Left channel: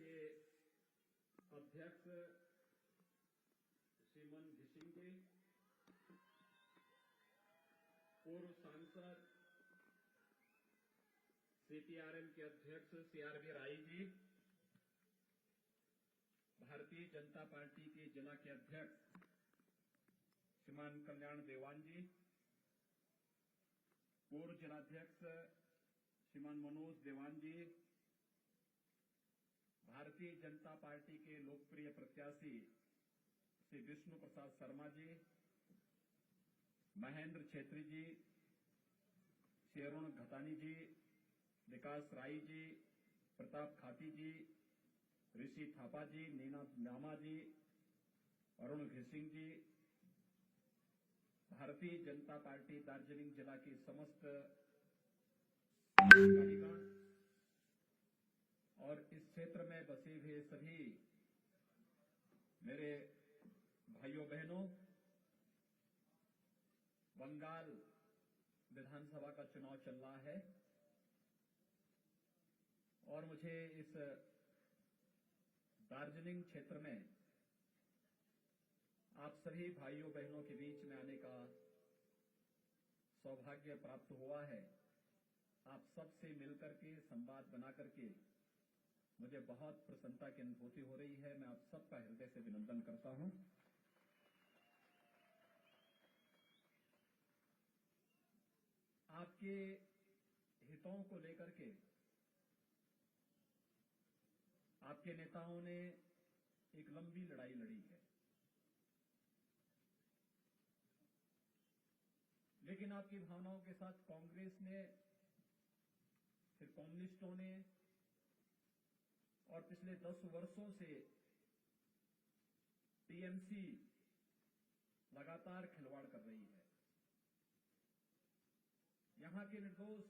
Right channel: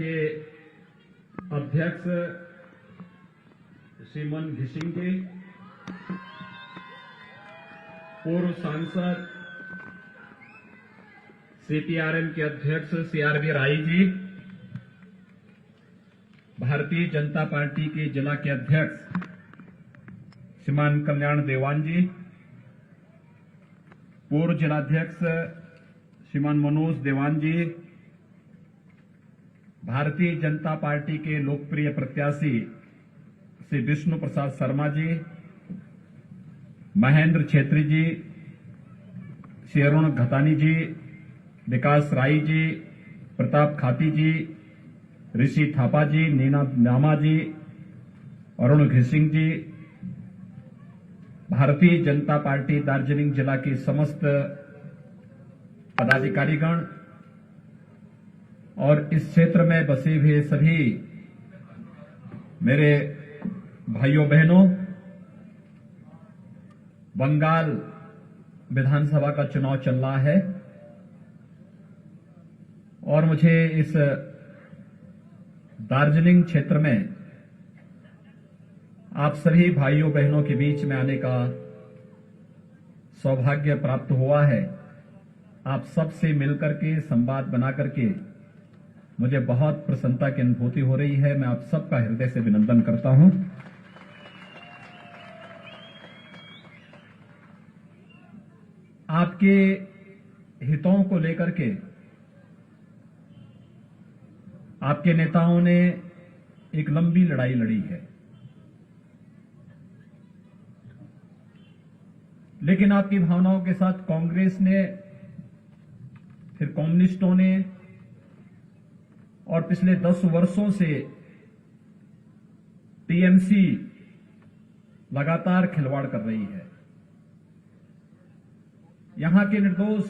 के अध्यक्ष श्रीमान घिसिंग जी, पूर्व सांसद सीपीआरएम के अध्यक्ष सीआरबी राय जी, भारतीय जनता पार्टी के जिला के अध्यक्ष श्रीमान कल्याण देवान जी, पूर्व जिलाध्यक्ष श्रीमान मनोज देवान जी, भारतीय जनता पार्टी के लोकप्रिय प्रत्याशी श्री विष्णु प्रसाद शर्मा जी, महेंद्र छेत्री जी, श्री अरुण घतानी जी, विकास राय जी, प्रताप खाती जी, ऋषि थापा जी, नीना नामा जी, अरुण घिसिंग जी, भारतीय जनता पार्टी दार्जिलिंग जिला के समस्त पदाधिकारीगण और इस क्षेत्र में बसे हुए सभी मेरे भाइयों बहनों, बंगाल विधानसभा का चुनाव चल रहा है और मुझे इस दार्जिलिंग क्षेत्र में आप सभी भाइयों बहनों के बीच में आने का सौभाग्य प्राप्त हुआ है। आप सबसे मिलकर के संवाद बना करके मुझे बहुत प्रसन्नता की अनुभूति हो रही है। मैं आप सबका हृदय से अभिनंदन करता हूं। आपके हितों को लेकर के आपके नेताओं ने एक लंबी लड़ाई लड़ी है, लेकिन आपकी भावनाओं के साथ कांग्रेस ने, फिर कम्युनिस्टों ने और पिछले 10 वर्षों से टीएमसी लगातार खिलवाड़ कर रही है। यहां के निर्दोष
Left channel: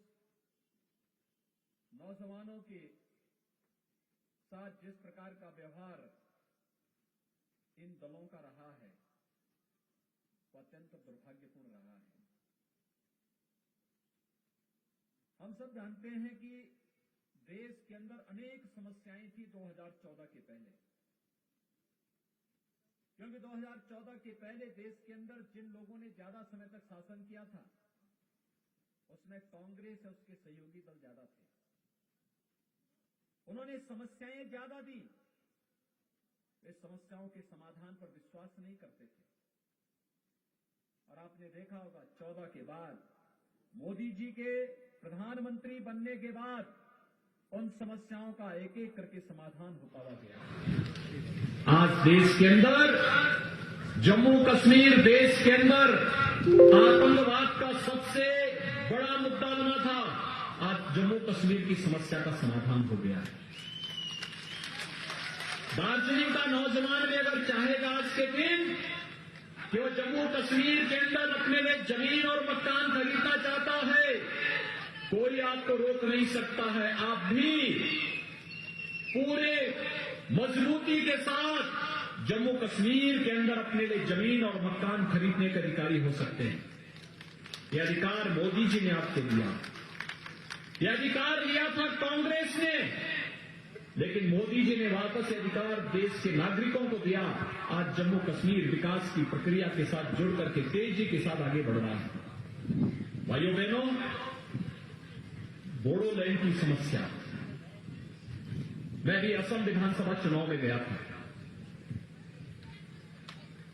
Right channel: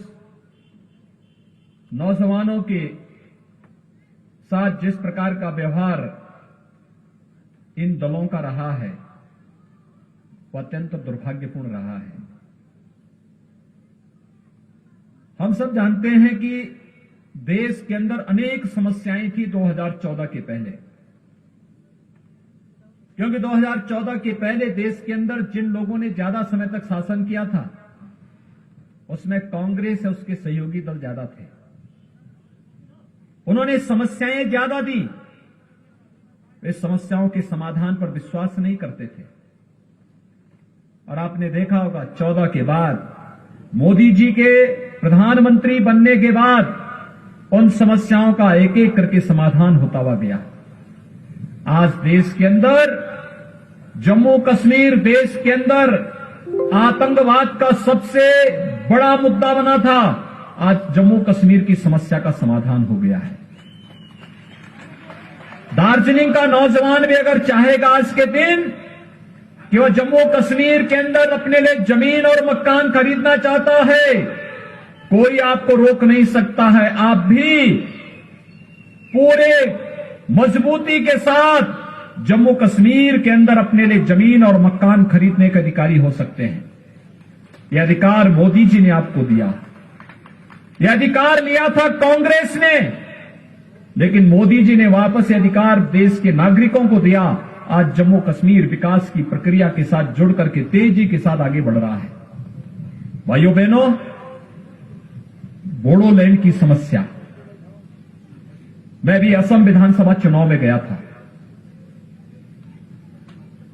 नौजवानों के साथ जिस प्रकार का व्यवहार इन दलों का रहा है वह अत्यंत दुर्भाग्यपूर्ण रहा है। हम सब जानते हैं कि देश के अंदर अनेक समस्याएं थी 2014 के पहले, क्योंकि 2014 के पहले देश के अंदर जिन लोगों ने ज्यादा समय तक शासन किया था उसमें कांग्रेस और उसके सहयोगी दल ज्यादा थे। उन्होंने समस्याएं ज्यादा दी, वे समस्याओं के समाधान पर विश्वास नहीं करते थे। और आपने देखा होगा 14 के बाद मोदी जी के प्रधानमंत्री बनने के बाद उन समस्याओं का एक एक करके समाधान होता हुआ गया। आज देश के अंदर जम्मू कश्मीर देश के अंदर आतंकवाद का सबसे बड़ा मुद्दा बना था, आज जम्मू कश्मीर की समस्या का समाधान हो गया है। दार्जिलिंग का नौजवान भी अगर चाहेगा आज के दिन कि वह जम्मू कश्मीर के अंदर अपने लिए जमीन और मकान खरीदना चाहता है, कोई आपको रोक नहीं सकता है। आप भी पूरे मजबूती के साथ जम्मू कश्मीर के अंदर अपने लिए जमीन और मकान खरीदने के अधिकारी हो सकते हैं। यह अधिकार मोदी जी ने आपको दिया, यह अधिकार लिया था कांग्रेस ने, लेकिन मोदी जी ने वापस यह अधिकार देश के नागरिकों को दिया। आज जम्मू कश्मीर विकास की प्रक्रिया के साथ जुड़ करके तेजी के साथ आगे बढ़ रहा है। भाइयों बहनों, बोडोलैंड की समस्या, मैं भी असम विधानसभा चुनाव में गया था।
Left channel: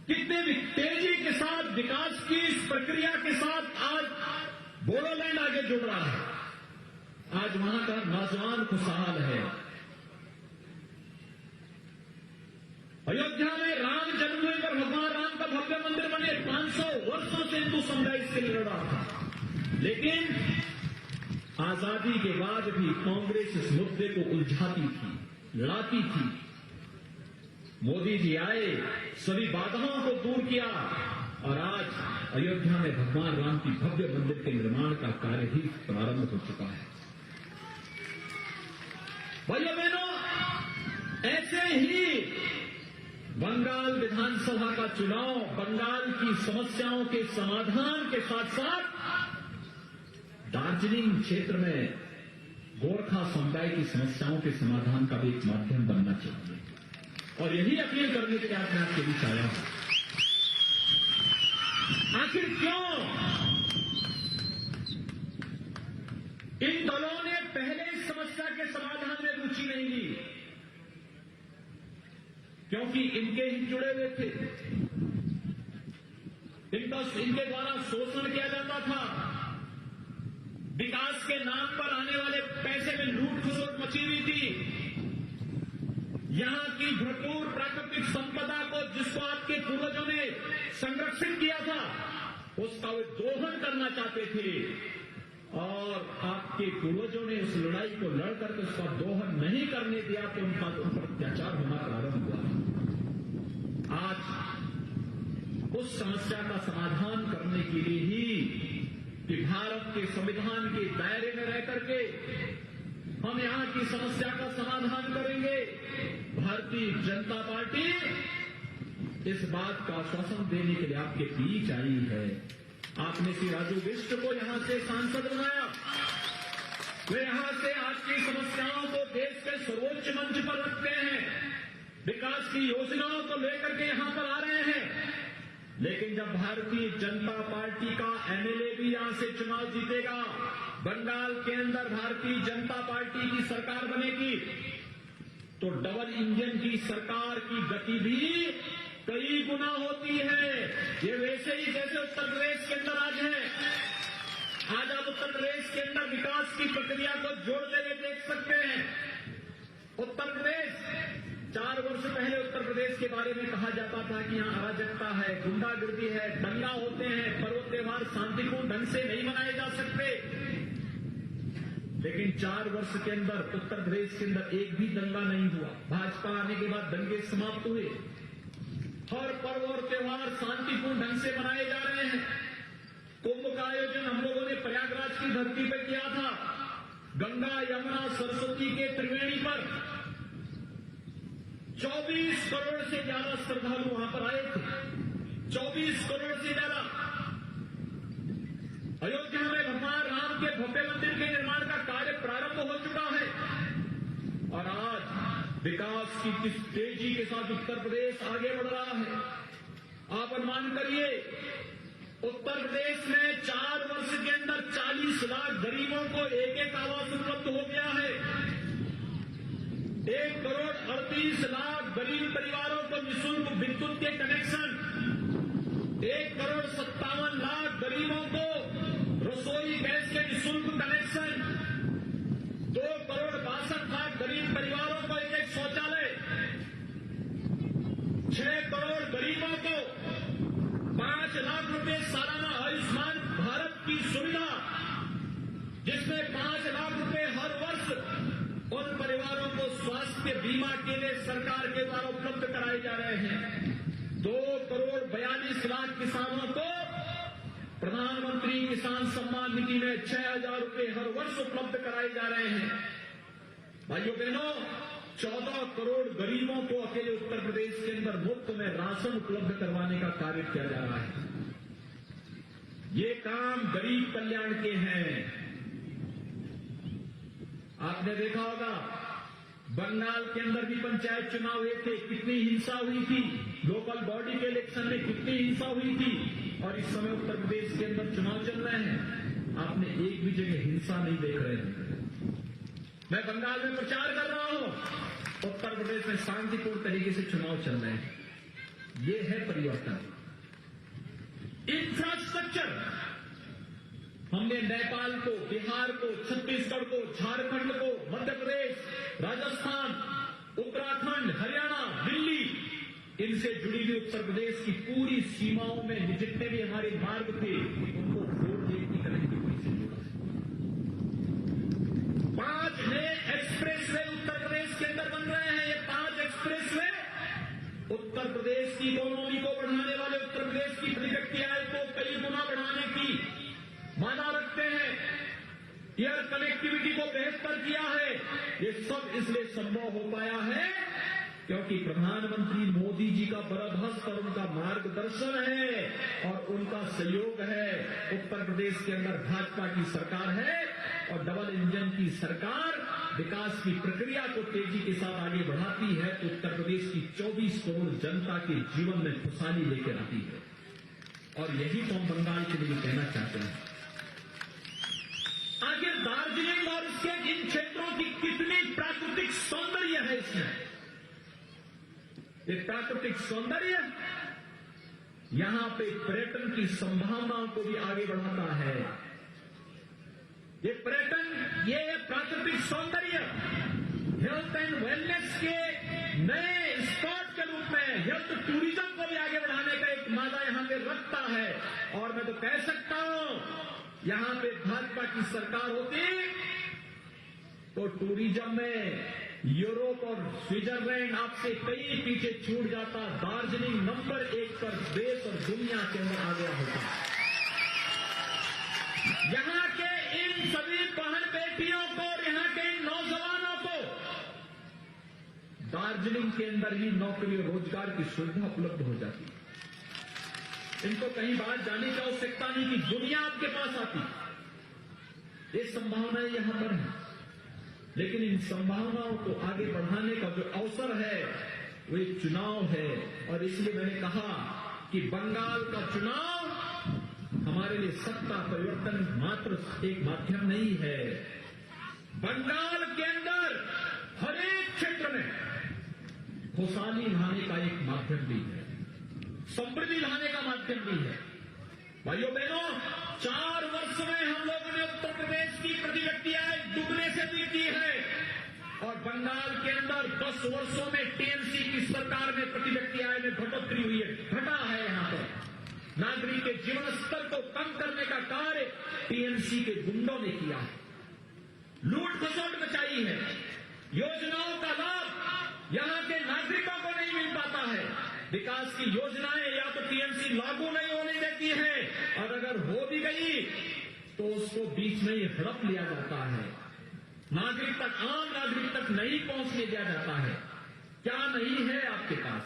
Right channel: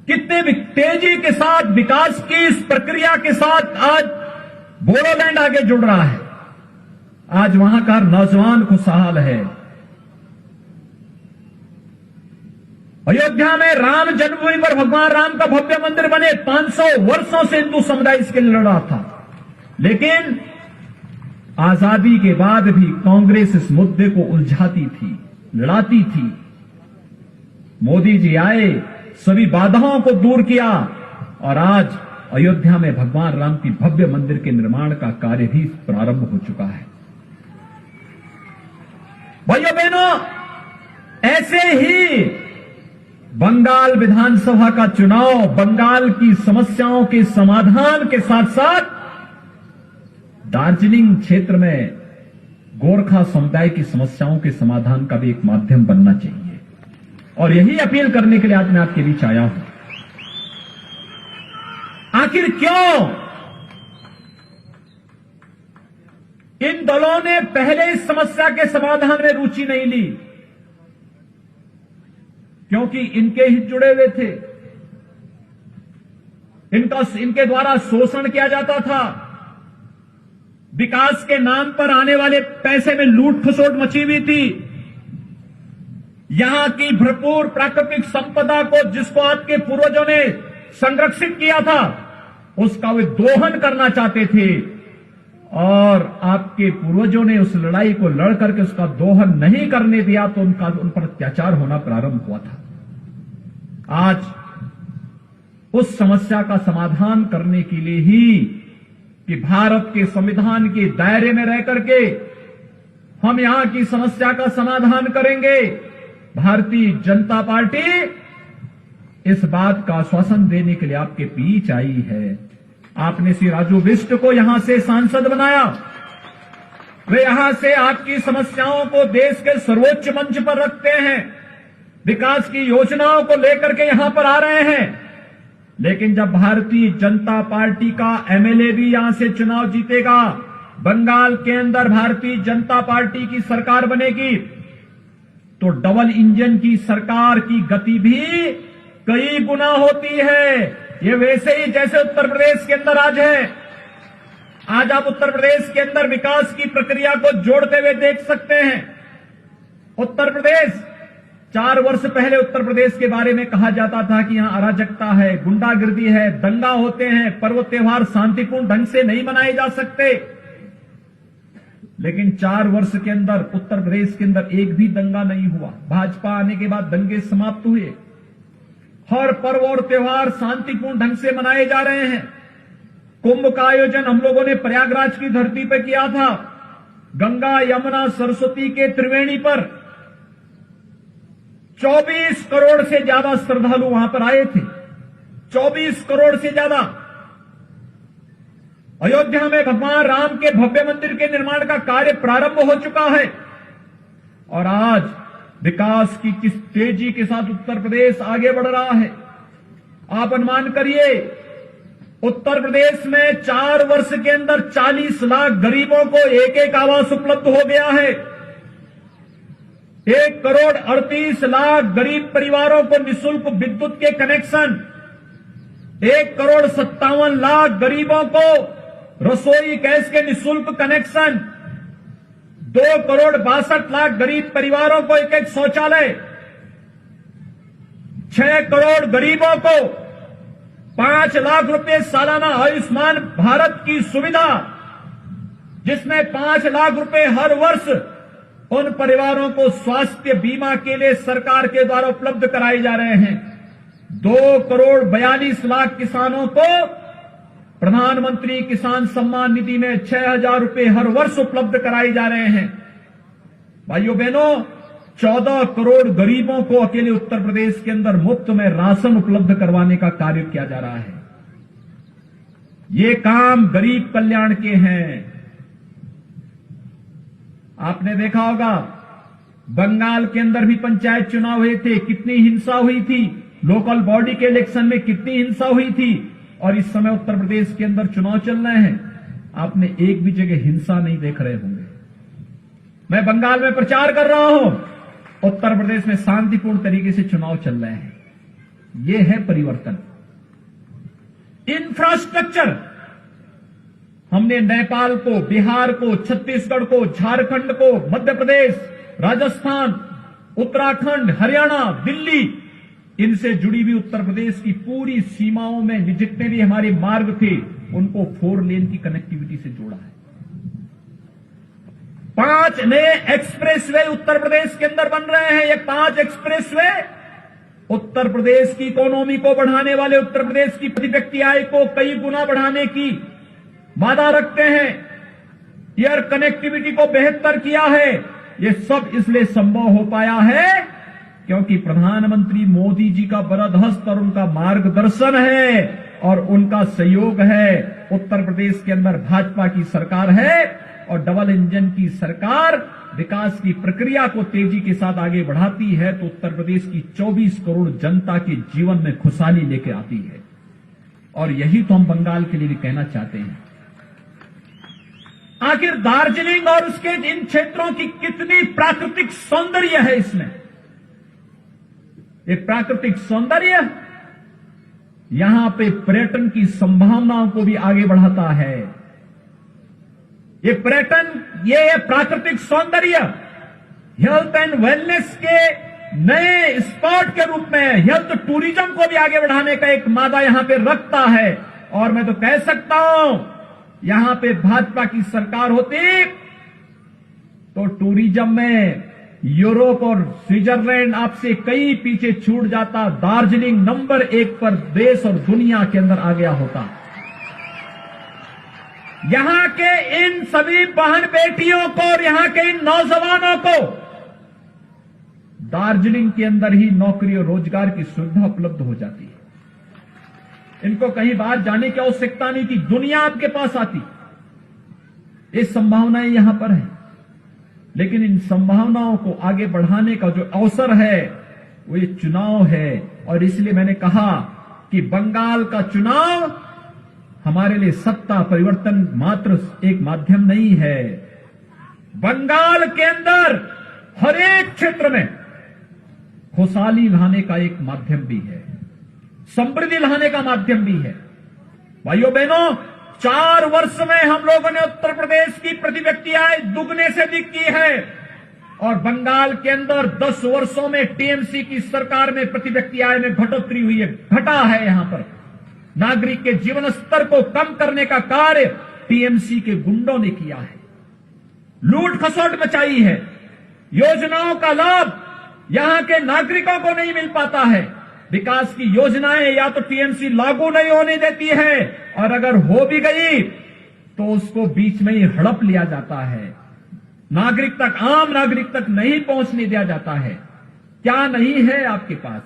कितने भी तेजी के साथ विकास की इस प्रक्रिया के साथ आज बोडोलैंड आगे जुड़ रहा है। आज वहां का नौजवान खुशहाल है। अयोध्या में राम जन्मभूमि पर भगवान राम का भव्य मंदिर बने, 500 वर्षों से हिंदू समुदाय इसके लिए लड़ा था, लेकिन आजादी के बाद भी कांग्रेस इस मुद्दे को उलझाती थी, लड़ाती थी। मोदी जी आए, सभी बाधाओं को दूर किया और आज अयोध्या में भगवान राम की भव्य मंदिर के निर्माण का कार्य भी प्रारंभ हो चुका है। भाइयों बहनों, ऐसे ही बंगाल विधानसभा का चुनाव बंगाल की समस्याओं के समाधान के साथ साथ दार्जिलिंग क्षेत्र में गोरखा समुदाय की समस्याओं के समाधान का भी एक माध्यम बनना चाहिए। और यही अपील करने के लिए आज मैं आपके बीच आया हूं। आखिर क्यों इन दलों ने पहले इस समस्या के समाधान में रुचि नहीं ली? क्योंकि इनके हित जुड़े हुए थे, इनके द्वारा शोषण किया जाता था, विकास के नाम पर आने वाले पैसे में लूट खसोट मची हुई थी, यहां की भरपूर प्राकृतिक संपदा को जिसको आपके पूर्वजों ने संरक्षित किया था उसका वे दोहन करना चाहते थे, और आपके पूर्वजों ने उस लड़ाई को लड़ करके उसका दोहन नहीं करने दिया तो उन पर अत्याचार होना प्रारंभ हुआ था। आज उस समस्या का समाधान करने के लिए ही कि भारत के संविधान के दायरे में रह करके हम यहां की समस्या का समाधान करेंगे, भारतीय जनता पार्टी इस बात का आश्वासन देने के लिए आपके बीच आई है। आपने श्री राजू बिष्ट को यहां से सांसद बनाया, वे यहां से आपकी समस्याओं को देश के सर्वोच्च मंच पर रखते हैं, विकास की योजनाओं को लेकर के यहां पर आ रहे हैं। लेकिन जब भारतीय जनता पार्टी का एमएलए भी यहां से चुनाव जीतेगा, बंगाल के अंदर भारतीय जनता पार्टी की सरकार बनेगी, तो डबल इंजन की सरकार की गति भी कई गुना होती है। ये वैसे ही जैसे उत्तर प्रदेश के अंदर आज है। आज आप उत्तर प्रदेश के अंदर विकास की प्रक्रिया को जोड़ते हुए देख सकते हैं। उत्तर प्रदेश 4 वर्ष पहले उत्तर प्रदेश के बारे में कहा जाता था कि यहां अराजकता है, गुंडागिर्दी है, दंगा होते हैं, पर्व त्योहार शांतिपूर्ण ढंग से नहीं मनाए जा सकते। लेकिन 4 वर्ष के अंदर उत्तर प्रदेश के अंदर एक भी दंगा नहीं हुआ। भाजपा आने के बाद दंगे समाप्त हुए, हर पर्व और त्योहार शांतिपूर्ण ढंग से मनाए जा रहे हैं। कुंभ का आयोजन हम लोगों ने प्रयागराज की धरती पर किया था, गंगा यमुना सरस्वती के त्रिवेणी पर 24 करोड़ से ज्यादा श्रद्धालु वहां पर आए थे, 24 करोड़ से ज्यादा। अयोध्या में भगवान राम के भव्य मंदिर के निर्माण का कार्य प्रारंभ हो चुका है, और आज विकास की किस तेजी के साथ उत्तर प्रदेश आगे बढ़ रहा है। आप अनुमान करिए, उत्तर प्रदेश में 4 वर्ष के अंदर 40 लाख गरीबों को एक एक आवास उपलब्ध हो गया है। 1 करोड़ 38 लाख गरीब परिवारों को निःशुल्क विद्युत के कनेक्शन, 1 करोड़ 57 लाख गरीबों को रसोई गैस के निःशुल्क कनेक्शन, 2 करोड़ 62 लाख गरीब परिवारों को एक एक शौचालय, 6 करोड़ गरीबों को 5 लाख रुपए सालाना आयुष्मान भारत की सुविधा, जिसमें 5 लाख रुपए हर वर्ष उन परिवारों को स्वास्थ्य बीमा के लिए सरकार के द्वारा उपलब्ध कराए जा रहे हैं। 2 करोड़ 42 लाख किसानों को प्रधानमंत्री किसान सम्मान निधि में 6,000 रुपए हर वर्ष उपलब्ध कराए जा रहे हैं। भाइयों बहनों, 14 करोड़ गरीबों को अकेले उत्तर प्रदेश के अंदर मुफ्त में राशन उपलब्ध करवाने का कार्य किया जा रहा है। ये काम गरीब कल्याण के हैं। आपने देखा होगा, बंगाल के अंदर भी पंचायत चुनाव हुए थे, कितनी हिंसा हुई थी, लोकल बॉडी के इलेक्शन में कितनी हिंसा हुई थी, और इस समय उत्तर प्रदेश के अंदर चुनाव चल रहे हैं। आपने एक भी जगह हिंसा नहीं देख रहे होंगे। मैं बंगाल में प्रचार कर रहा हूं, उत्तर प्रदेश में शांतिपूर्ण तरीके से चुनाव चल रहे हैं। यह है परिवर्तन। इंफ्रास्ट्रक्चर, हमने नेपाल को, बिहार को, छत्तीसगढ़ को, झारखंड को, मध्य प्रदेश, राजस्थान, उत्तराखंड, हरियाणा, दिल्ली, इनसे जुड़ी हुई उत्तर प्रदेश की पूरी सीमाओं में जितने भी हमारे मार्ग थे उनको 4 लेन की कनेक्टिविटी से जोड़ा है। 5 नए एक्सप्रेसवे उत्तर प्रदेश के अंदर बन रहे हैं। ये 5 एक्सप्रेसवे उत्तर प्रदेश की इकोनॉमी को बढ़ाने वाले, उत्तर प्रदेश की प्रति व्यक्ति आय को कई गुना बढ़ाने की वादा रखते हैं। एयर कनेक्टिविटी को बेहतर किया है। ये सब इसलिए संभव हो पाया है क्योंकि प्रधानमंत्री मोदी जी का बरदहस्त और उनका मार्गदर्शन है और उनका सहयोग है। उत्तर प्रदेश के अंदर भाजपा की सरकार है और डबल इंजन की सरकार विकास की प्रक्रिया को तेजी के साथ आगे बढ़ाती है तो उत्तर प्रदेश की 24 करोड़ जनता के जीवन में खुशहाली लेके आती है। और यही तो हम बंगाल के लिए भी कहना चाहते हैं। आखिर दार्जिलिंग और उसके इन क्षेत्रों की कितनी प्राकृतिक सौंदर्य है इसमें। ये प्राकृतिक सौंदर्य यहां पे पर्यटन की संभावनाओं को भी आगे बढ़ाता है। ये पर्यटन, ये प्राकृतिक सौंदर्य हेल्थ एंड वेलनेस के नए स्पॉट के रूप में हेल्थ टूरिज्म को भी आगे बढ़ाने का एक मादा यहां पे रखता है। और मैं तो कह सकता हूं यहां पे भाजपा की सरकार होती तो टूरिज्म में यूरोप और स्विट्जरलैंड आपसे कई पीछे छूट जाता। दार्जिलिंग नंबर 1 पर देश और दुनिया के अंदर आ गया होता। यहां के इन सभी बहन बेटियों को और यहां के इन नौजवानों को दार्जिलिंग के अंदर ही नौकरी और रोजगार की सुविधा उपलब्ध हो जाती है। इनको कहीं बाहर जाने की आवश्यकता नहीं कि दुनिया आपके पास आती। ये संभावनाएं यहां पर है, लेकिन इन संभावनाओं को आगे बढ़ाने का जो अवसर है वो ये चुनाव है। और इसलिए मैंने कहा कि बंगाल का चुनाव हमारे लिए सत्ता परिवर्तन मात्र एक माध्यम नहीं है। बंगाल के अंदर हर एक क्षेत्र में खुशहाली लाने का एक माध्यम भी है, समृद्धि लाने का माध्यम भी है। भाइयों बहनों, 4 वर्ष में हम लोगों ने उत्तर प्रदेश की प्रति व्यक्ति आय दुगने से अधिक की है और बंगाल के अंदर 10 वर्षों में टीएमसी की सरकार में प्रति व्यक्ति आय में बढ़ोतरी हुई है, घटा है। यहां पर नागरिक के जीवन स्तर को कम करने का कार्य टीएमसी के गुंडों ने किया है, लूट खसोट मचाई है। योजनाओं का लाभ यहां के नागरिकों को नहीं मिल पाता है। विकास की योजनाएं या तो टीएमसी लागू नहीं होने देती है और अगर हो भी गई तो उसको बीच में ही हड़प लिया जाता है, नागरिक तक, आम नागरिक तक नहीं पहुंचने दिया जाता है। क्या नहीं है आपके पास?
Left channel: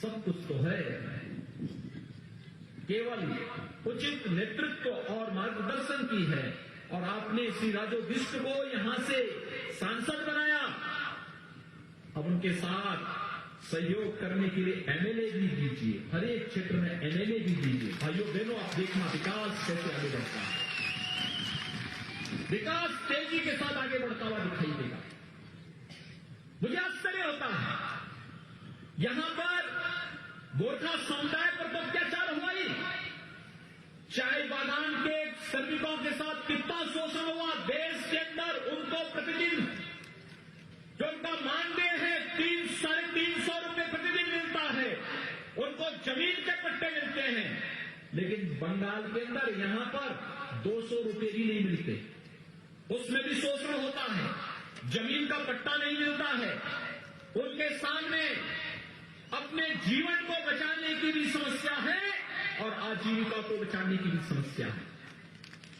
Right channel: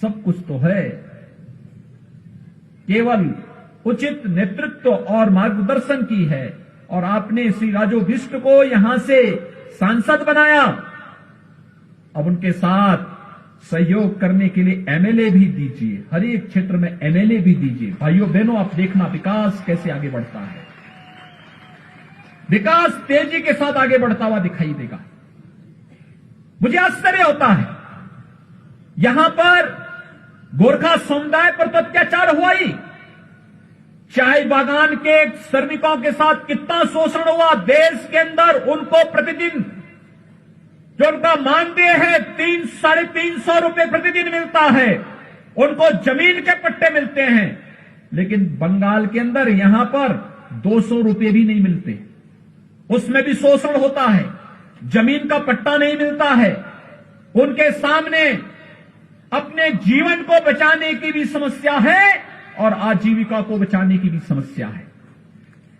सब कुछ तो है, केवल उचित नेतृत्व और मार्गदर्शन की है। और आपने श्री राजू बिष्ट को यहां से सांसद बनाया, अब उनके साथ सहयोग करने के लिए एमएलए भी दीजिए, हर एक क्षेत्र में एमएलए भी दीजिए। भाइयों बहनों, आप देखना विकास कैसे आगे बढ़ता है। विकास तेजी के साथ आगे बढ़ता हुआ दिखाई देगा। मुझे आश्चर्य होता है, यहां पर गोरखा समुदाय पर तो अत्याचार हुआ ही, चाय बागान के श्रमिकों के साथ कितना शोषण हुआ। देश के अंदर उनको प्रतिदिन जो उनका मानदेय है 300-350 रुपए प्रतिदिन मिलता है, उनको जमीन के पट्टे मिलते हैं, लेकिन बंगाल के अंदर यहां पर 200 रुपए भी नहीं मिलते, उसमें भी शोषण होता है, जमीन का पट्टा नहीं मिलता है। उनके सामने अपने जीवन को बचाने की भी समस्या है और आजीविका को बचाने की भी समस्या है।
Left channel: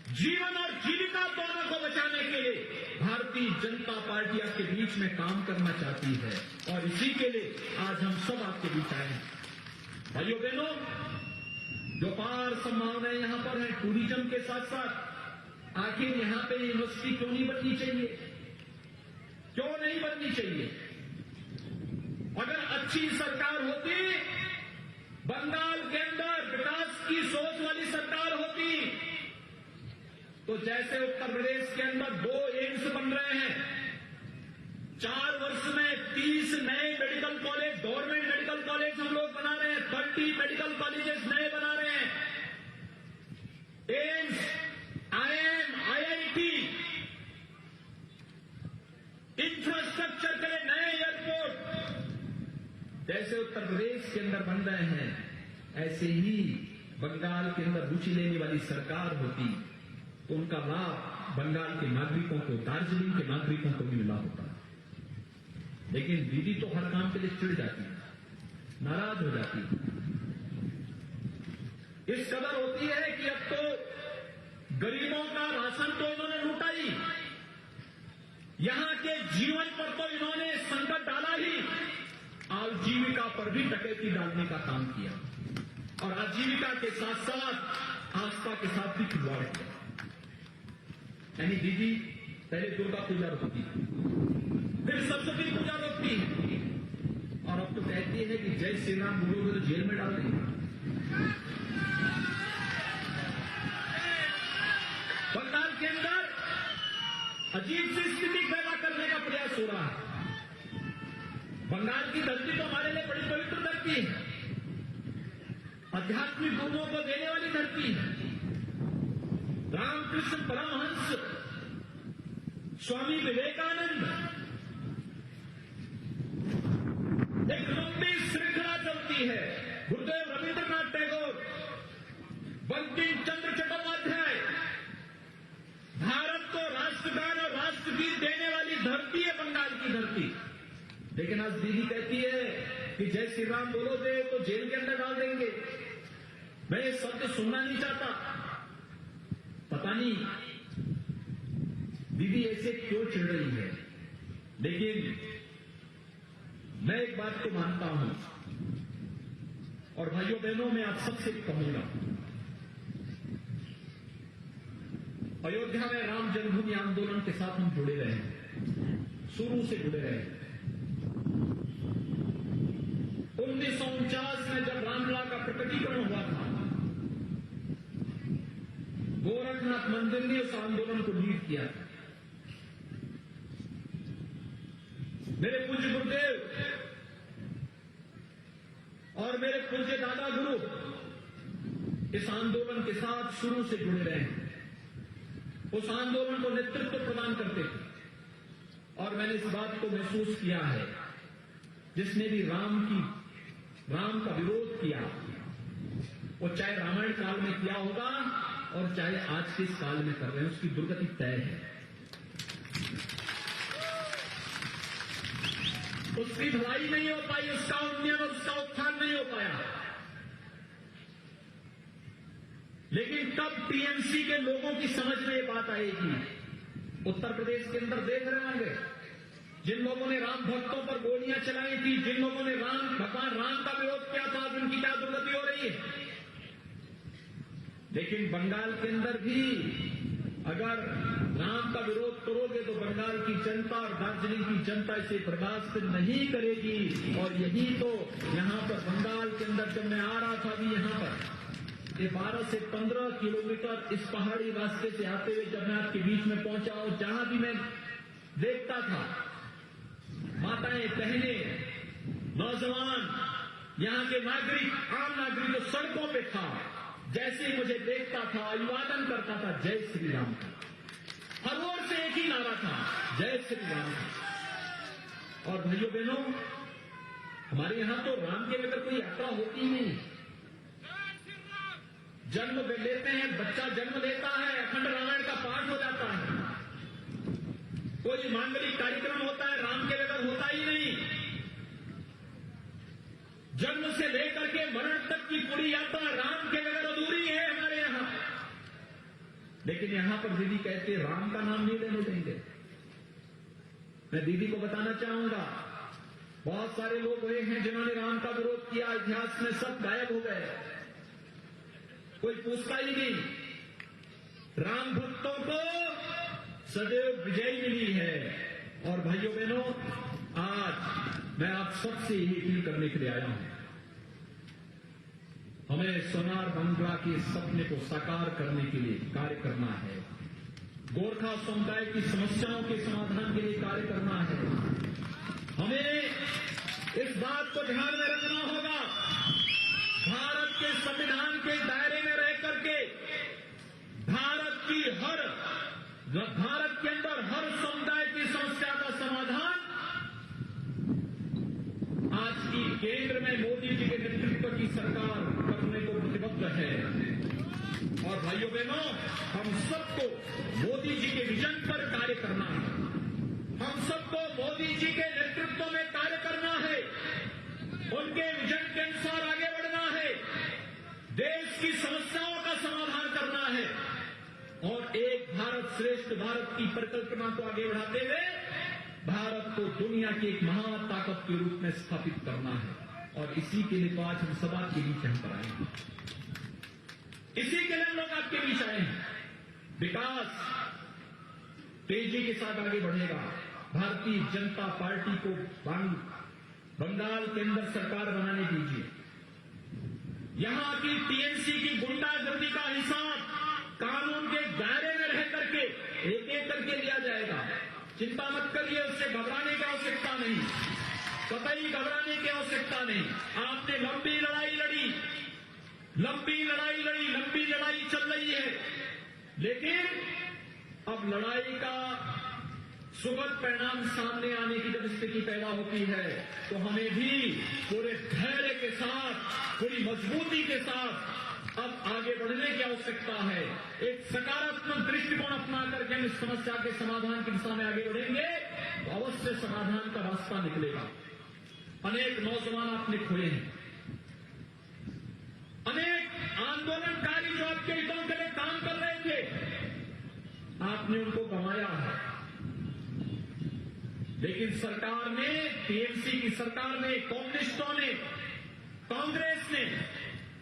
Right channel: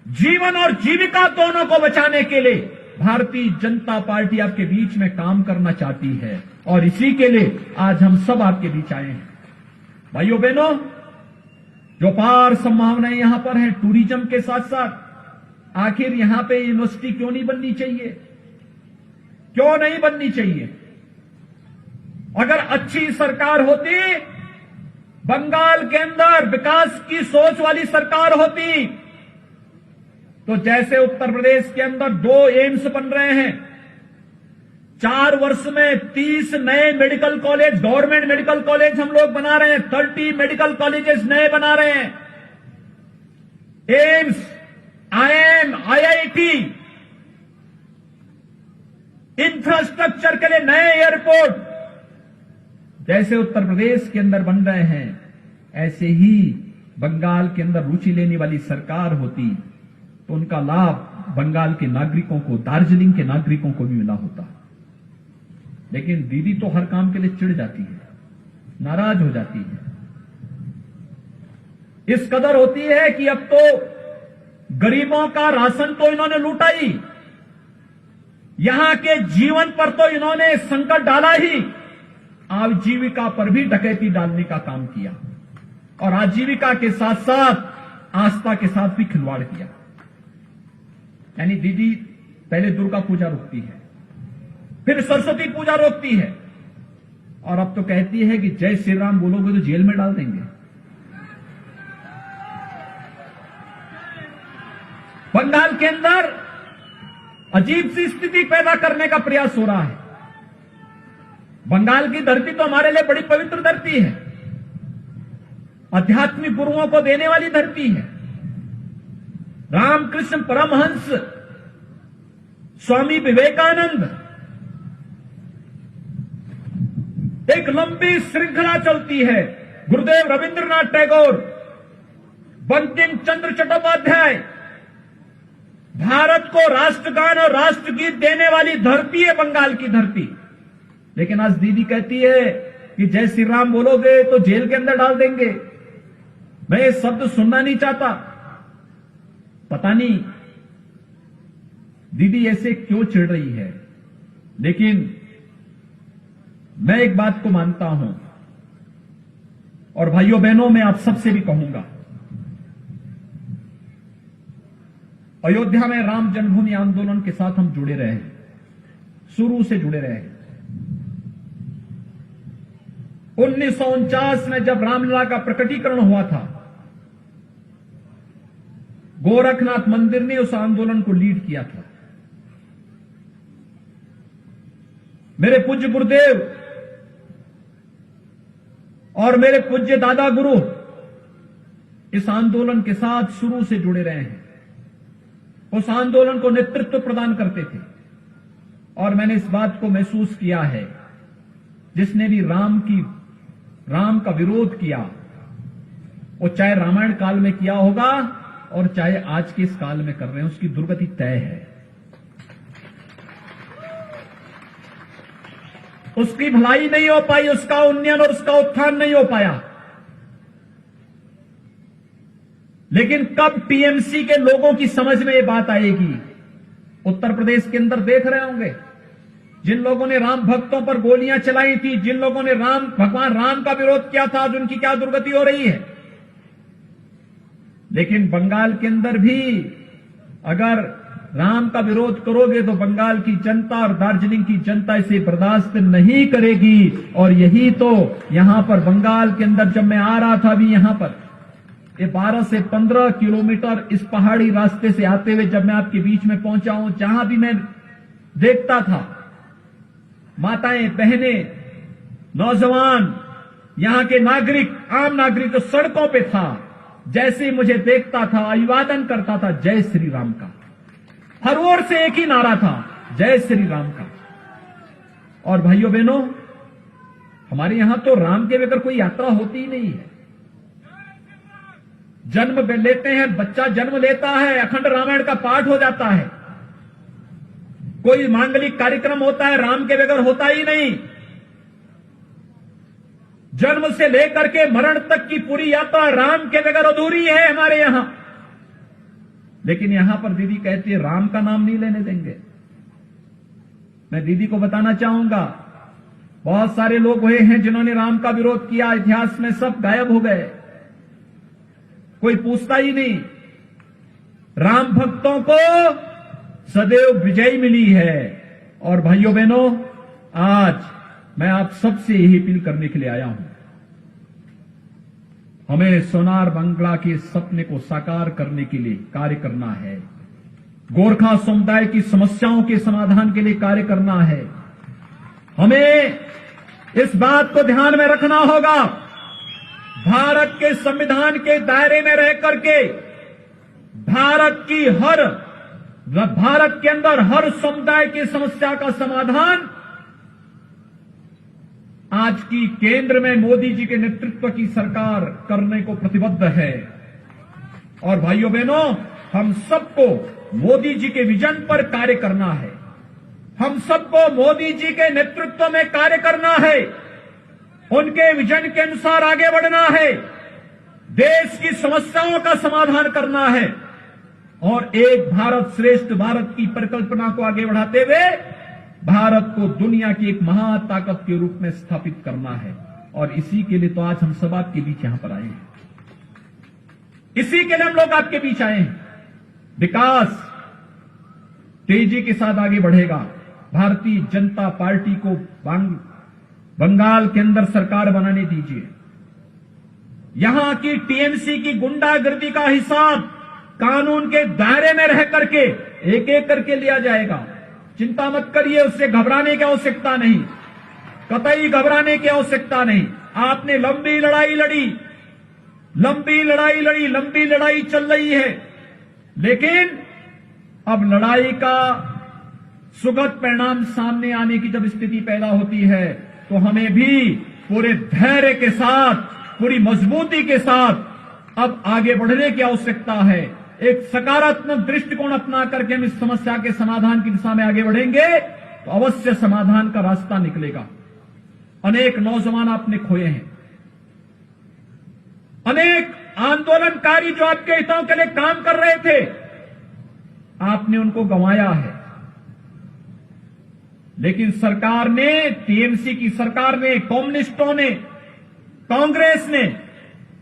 जीवन और जीविका दोनों को बचाने के लिए भारतीय जनता पार्टी आपके बीच में काम करना चाहती है और इसी के लिए आज हम सब आपके बीच आए हैं। भाइयों बहनों, जो पार संभावनाएं यहां पर हैं टूरिज्म के साथ साथ, आखिर यहां पे यूनिवर्सिटी क्यों नहीं बननी चाहिए? क्यों नहीं बननी चाहिए? अगर अच्छी सरकार होती, बंगाल के अंदर विकास की सोच वाली सरकार होती, तो जैसे उत्तर प्रदेश के अंदर 2 एम्स बन रहे हैं, 4 वर्ष में 30 नए medical college, government medical college हम लोग बना रहे हैं, 30 मेडिकल कॉलेजेस नए बना रहे हैं, एम्स, आईएम, आईआईटी, इंफ्रास्ट्रक्चर के लिए नए एयरपोर्ट जैसे उत्तर प्रदेश के अंदर बन रहे हैं, ऐसे ही बंगाल के अंदर रुचि लेने वाली सरकार होती तो उनका लाभ बंगाल के नागरिकों को, दार्जिलिंग के नागरिकों को भी मिला होता। लेकिन दीदी तो हर काम के लिए चिढ़ जाती है, नाराज हो जाती है, इस कदर होती है कि अब तो गरीबों का राशन तो इन्होंने लूटा ही, यहां के जीवन पर तो इन्होंने संकट डाला ही, आजीविका पर भी डकैती डालने का काम किया और आजीविका के साथ साथ आस्था के साथ भी खिलवाड़ किया। यानी दीदी पहले दुर्गा पूजा रोकती है, फिर सरस्वती पूजा रोकती है, और अब तो कहती है कि जय श्री राम बोलोगे तो जेल में डाल देंगे। बंगाल के अंदर अजीब सी स्थिति पैदा करने का प्रयास हो रहा है। बंगाल की धरती तो हमारे लिए बड़ी पवित्र धरती है, आध्यात्मिक गुरुओं को देने वाली धरती है। रामकृष्ण परमहंस, स्वामी विवेकानंद, एक लंबी श्रृंखला चलती है। गुरुदेव रविंद्रनाथ टैगोर, बंकिम चंद्र चट्टोपाध्याय, भारत को राष्ट्रगान और राष्ट्रगीत देने वाली धरती है बंगाल की धरती। लेकिन आज दीदी कहती है कि जय श्री राम बोलोगे तो जेल के अंदर डाल देंगे। मैं ये शब्द सुनना नहीं चाहता। पता नहीं दीदी ऐसे क्यों चिढ़ रही है, लेकिन मैं एक बात को मानता हूं, और भाइयों बहनों मैं आप सबसे भी कहूंगा, अयोध्या में राम जन्मभूमि आंदोलन के साथ हम जुड़े रहे, शुरू से जुड़े रहे। 1949 में जब रामलला का प्रकटीकरण हुआ था, गोरखनाथ मंदिर ने उस आंदोलन को लीड किया था। मेरे पूज्य गुरुदेव और मेरे पूज्य दादा गुरु इस आंदोलन के साथ शुरू से जुड़े रहे हैं, उस आंदोलन को नेतृत्व प्रदान करते थे। और मैंने इस बात को महसूस किया है, जिसने भी राम का विरोध किया, वो चाहे रामायण काल में किया होगा और चाहे आज के इस काल में कर रहे हैं, उसकी दुर्गति तय है। उसकी भलाई नहीं हो पाई, उसका उन्नयन और उसका उत्थान नहीं हो पाया। लेकिन कब टीएमसी के लोगों की समझ में ये बात आएगी? उत्तर प्रदेश के अंदर देख रहे होंगे, जिन लोगों ने राम भक्तों पर गोलियां चलाई थी, जिन लोगों ने भगवान राम का विरोध किया था, आज उनकी क्या दुर्गति हो रही है। लेकिन बंगाल के अंदर भी अगर राम का विरोध करोगे तो बंगाल की जनता और दार्जिलिंग की जनता इसे बर्दाश्त नहीं करेगी। और यही तो यहां पर बंगाल के अंदर जब मैं आ रहा था, अभी यहां पर ये 12 से 15 किलोमीटर इस पहाड़ी रास्ते से आते हुए जब मैं आपके बीच में पहुंचा हूं, जहां भी मैं देखता था माताएं, बहनें, नौजवान, यहां के नागरिक, आम नागरिक तो सड़कों पे था, जैसे ही मुझे देखता था अभिवादन करता था जय श्री राम का। हर ओर से एक ही नारा था, जय श्री राम का। और भाइयों बहनों, हमारे यहां तो राम के बगैर कोई यात्रा होती ही नहीं है। जन्म लेते हैं, बच्चा जन्म लेता है, अखंड रामायण का पाठ हो जाता है। कोई मांगलिक कार्यक्रम होता है, राम के बगैर होता ही नहीं। जन्म से लेकर के मरण तक की पूरी यात्रा राम के बगैर अधूरी है हमारे यहां। लेकिन यहां पर दीदी कहती है राम का नाम नहीं लेने देंगे। मैं दीदी को बताना चाहूंगा, बहुत सारे लोग हुए हैं जिन्होंने राम का विरोध किया, इतिहास में सब गायब हो गए, कोई पूछता ही नहीं। राम भक्तों को सदैव विजय मिली है। और भाइयों बहनों, आज मैं आप सबसे यही अपील करने के लिए आया हूं, हमें सोनार बांग्ला के सपने को साकार करने के लिए कार्य करना है। गोरखा समुदाय की समस्याओं के समाधान के लिए कार्य करना है। हमें इस बात को ध्यान में रखना होगा, भारत के संविधान के दायरे में रह करके भारत के अंदर हर समुदाय की समस्या का समाधान आज की केंद्र में मोदी जी के नेतृत्व की सरकार करने को प्रतिबद्ध है। और भाइयों बहनों, हम सबको मोदी जी के विजन पर कार्य करना है। हम सबको मोदी जी के नेतृत्व में कार्य करना है, उनके विजन के अनुसार आगे बढ़ना है, देश की समस्याओं का समाधान करना है और एक भारत श्रेष्ठ भारत की परिकल्पना को आगे बढ़ाते हुए भारत को दुनिया की एक महाताकत के रूप में स्थापित करना है। और इसी के लिए तो आज हम सब आपके बीच यहां पर आए हैं। इसी के लिए हम लोग आपके बीच आए हैं। विकास तेजी के साथ आगे बढ़ेगा। भारतीय जनता पार्टी को बंगाल के अंदर सरकार बनाने दीजिए। यहां की टीएमसी की गुंडागर्दी का हिसाब कानून के दायरे में रह करके एक एक करके लिया जाएगा। चिंता मत करिए, उससे घबराने की आवश्यकता नहीं, कतई घबराने की आवश्यकता नहीं। आपने लंबी लड़ाई लड़ी, लंबी लड़ाई चल रही है, लेकिन अब लड़ाई का सुखद परिणाम सामने आने की जब स्थिति पैदा होती है तो हमें भी पूरे धैर्य के साथ, पूरी मजबूती के साथ अब आगे बढ़ने की आवश्यकता है। एक सकारात्मक दृष्टिकोण अपना करके हम इस समस्या के समाधान की दिशा में आगे बढ़ेंगे तो अवश्य समाधान का रास्ता निकलेगा। अनेक नौजवान आपने खोए हैं, अनेक आंदोलनकारी जो आपके हितों के लिए काम कर रहे थे, आपने उनको गंवाया है। लेकिन सरकार ने, टीएमसी की सरकार ने, कम्युनिस्टों ने, कांग्रेस ने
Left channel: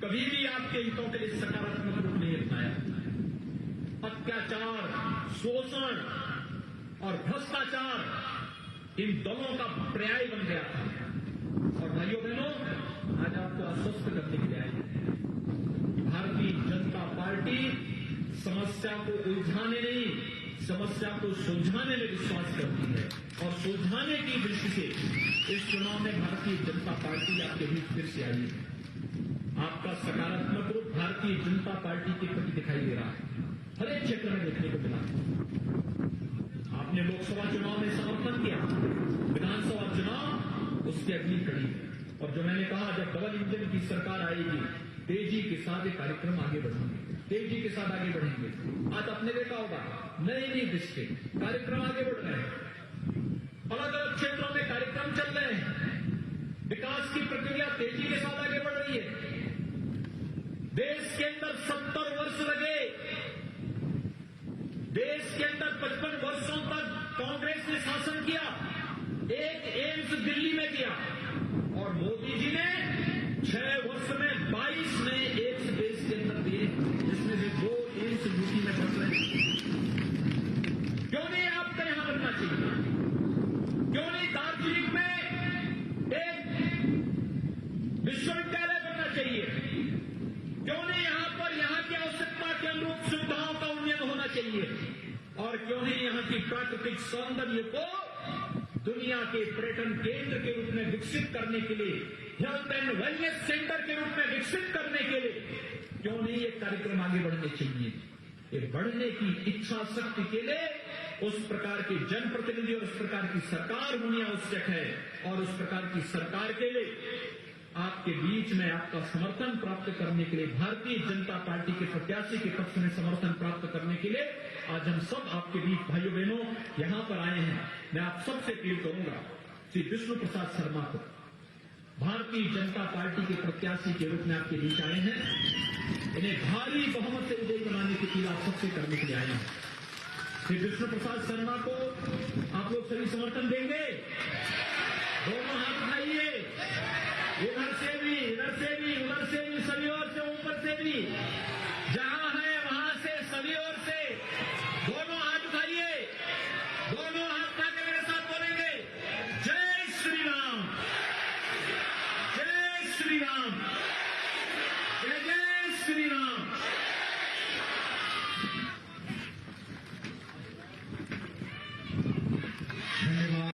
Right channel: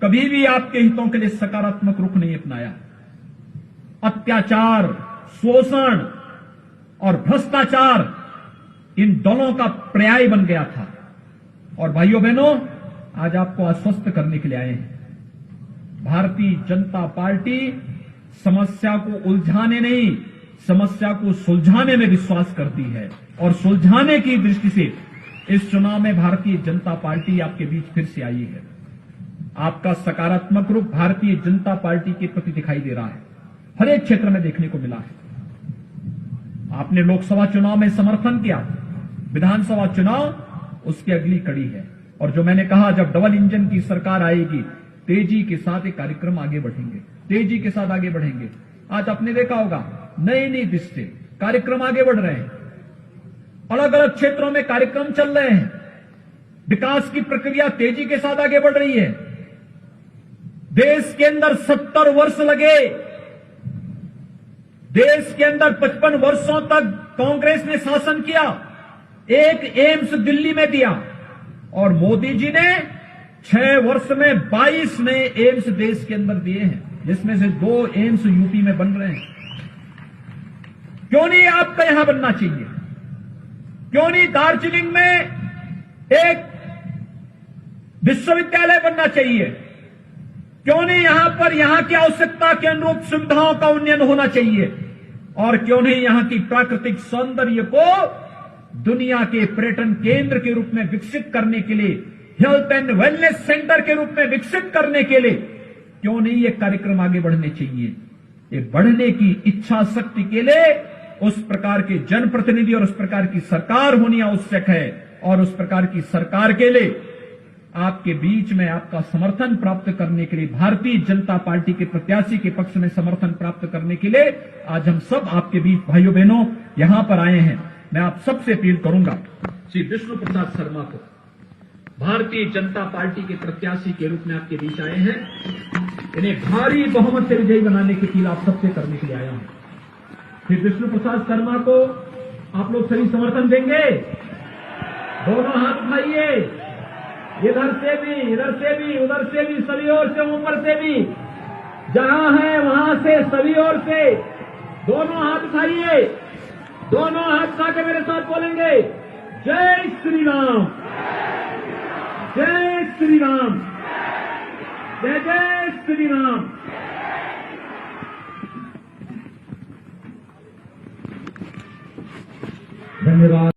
कभी भी आपके हितों के लिए सकारात्मक रुख नहीं अपनाया। अत्याचार, शोषण और भ्रष्टाचार इन दलों का पर्याय बन गया था। और भाइयों बहनों, आज आपको आश्वस्त करने के लिए आए हैं। भारतीय जनता पार्टी समस्या को उलझाने नहीं, समस्या को सुलझाने में विश्वास करती है। और सुलझाने की दृष्टि से इस चुनाव में भारतीय जनता पार्टी आपके बीच फिर से आई है। आपका सकारात्मक रूप भारतीय जनता पार्टी के प्रति दिखाई दे रहा है, हर एक क्षेत्र में देखने को मिला है। आपने लोकसभा चुनाव में समर्थन किया, विधानसभा चुनाव उसकी अगली कड़ी है। और जो मैंने कहा, जब डबल इंजन की सरकार आएगी, तेजी के साथ ये कार्यक्रम आगे बढ़ेंगे, तेजी के साथ आगे बढ़ेंगे। आज आपने देखा होगा, नई नई दृष्टि कार्यक्रम आगे बढ़ रहे हैं, अलग अलग क्षेत्रों में कार्यक्रम चल रहे हैं। विकास की प्रक्रिया तेजी के साथ आगे बढ़ रही है। देश के अंदर 70 वर्ष लगे, देश के अंदर 55 वर्षों तक कांग्रेस ने शासन किया, एक एम्स दिल्ली में दिया, और मोदी जी ने 6 वर्ष में 22 नए एम्स देश के अंदर दिए हैं, जिसमें से 2 एम्स यूपी में बन रहे हैं। क्यों नहीं आपका यहां बनना चाहिए? क्यों नहीं दार्जिलिंग में एक विश्वविद्यालय बनना चाहिए? क्यों नहीं यहां पर यहां की आवश्यकता के अनुरूप सुविधाओं का उन्नयन होना चाहिए? और क्यों नहीं यहां की प्राकृतिक सौंदर्य को दुनिया के पर्यटन केंद्र के रूप में विकसित करने के लिए, हेल्थ एंड वेलनेस सेंटर के रूप में विकसित करने के लिए क्यों नहीं ये कार्यक्रम आगे बढ़ने चाहिए? ये बढ़ने की इच्छा शक्ति के लिए उस प्रकार के जनप्रतिनिधि और उस प्रकार की सरकार होनी आवश्यक है। और उस प्रकार की सरकार के लिए आपके बीच में आपका समर्थन प्राप्त करने के लिए, भारतीय जनता पार्टी के प्रत्याशी के पक्ष में समर्थन प्राप्त करने के लिए आज हम सब आपके बीच भाइयों बहनों यहां पर आए हैं। मैं आप सबसे अपील करूंगा, श्री विष्णु प्रसाद शर्मा को भारतीय जनता पार्टी के प्रत्याशी के रूप में आपके बीच आए हैं। इन्हें भारी बहुमत से विजयी बनाने की अपील आप सबसे करने के लिए आया हूं। श्री विष्णु प्रसाद शर्मा को आप लोग सही समर्थन देंगे? दोनों हाथ उठाइए, इधर से भी, इधर से भी, उधर से भी, सभी ओर से, ऊपर से भी, जहां है वहां से, सभी ओर से दोनों हाथ उठाइए। दोनों हाथ उठा के मेरे साथ बोलेंगे, जय श्री राम, जय श्री राम, जय जय श्री राम। धन्यवाद।